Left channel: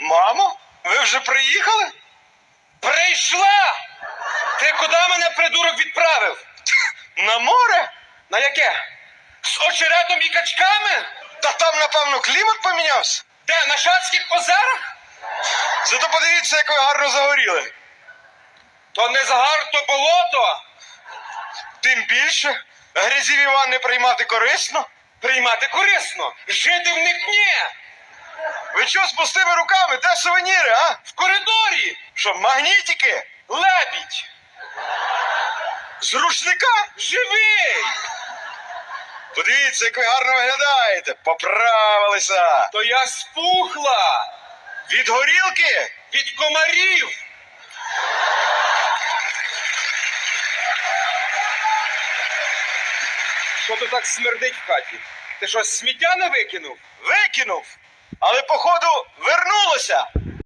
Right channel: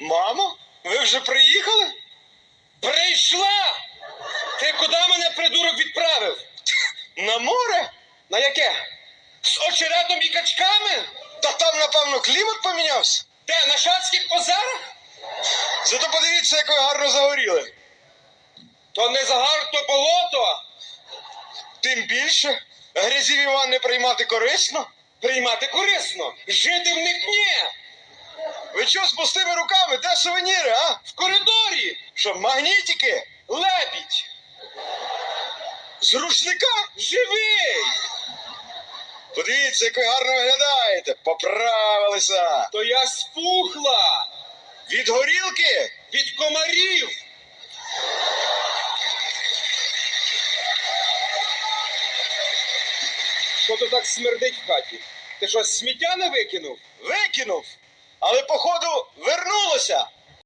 Мамо, ви вже приїхали? Прийшла! Ти куди мене придурок відправив? На море? На яке? З очеретом і качками? Та там, напевно, клімат помінявся. Де? На Шацьких озерах? Зато подивіться, як ви гарно загоріли. То не загар, то болото. Тим більше грязів Іван не приймати корисно. Приймати корисно. Жити в них ні. Ви чого з пустими руками? Де сувеніри, а? В коридорі! Що, магнітики? Лебідь! З рушника? Живий! Подивіться, як ви гарно виглядаєте! Поправилися! То я спухла! Від горілки? Від комарів! Що то так смердить в хаті? Ти що, сміття не викинув? Викинув! але, походу, вернулося.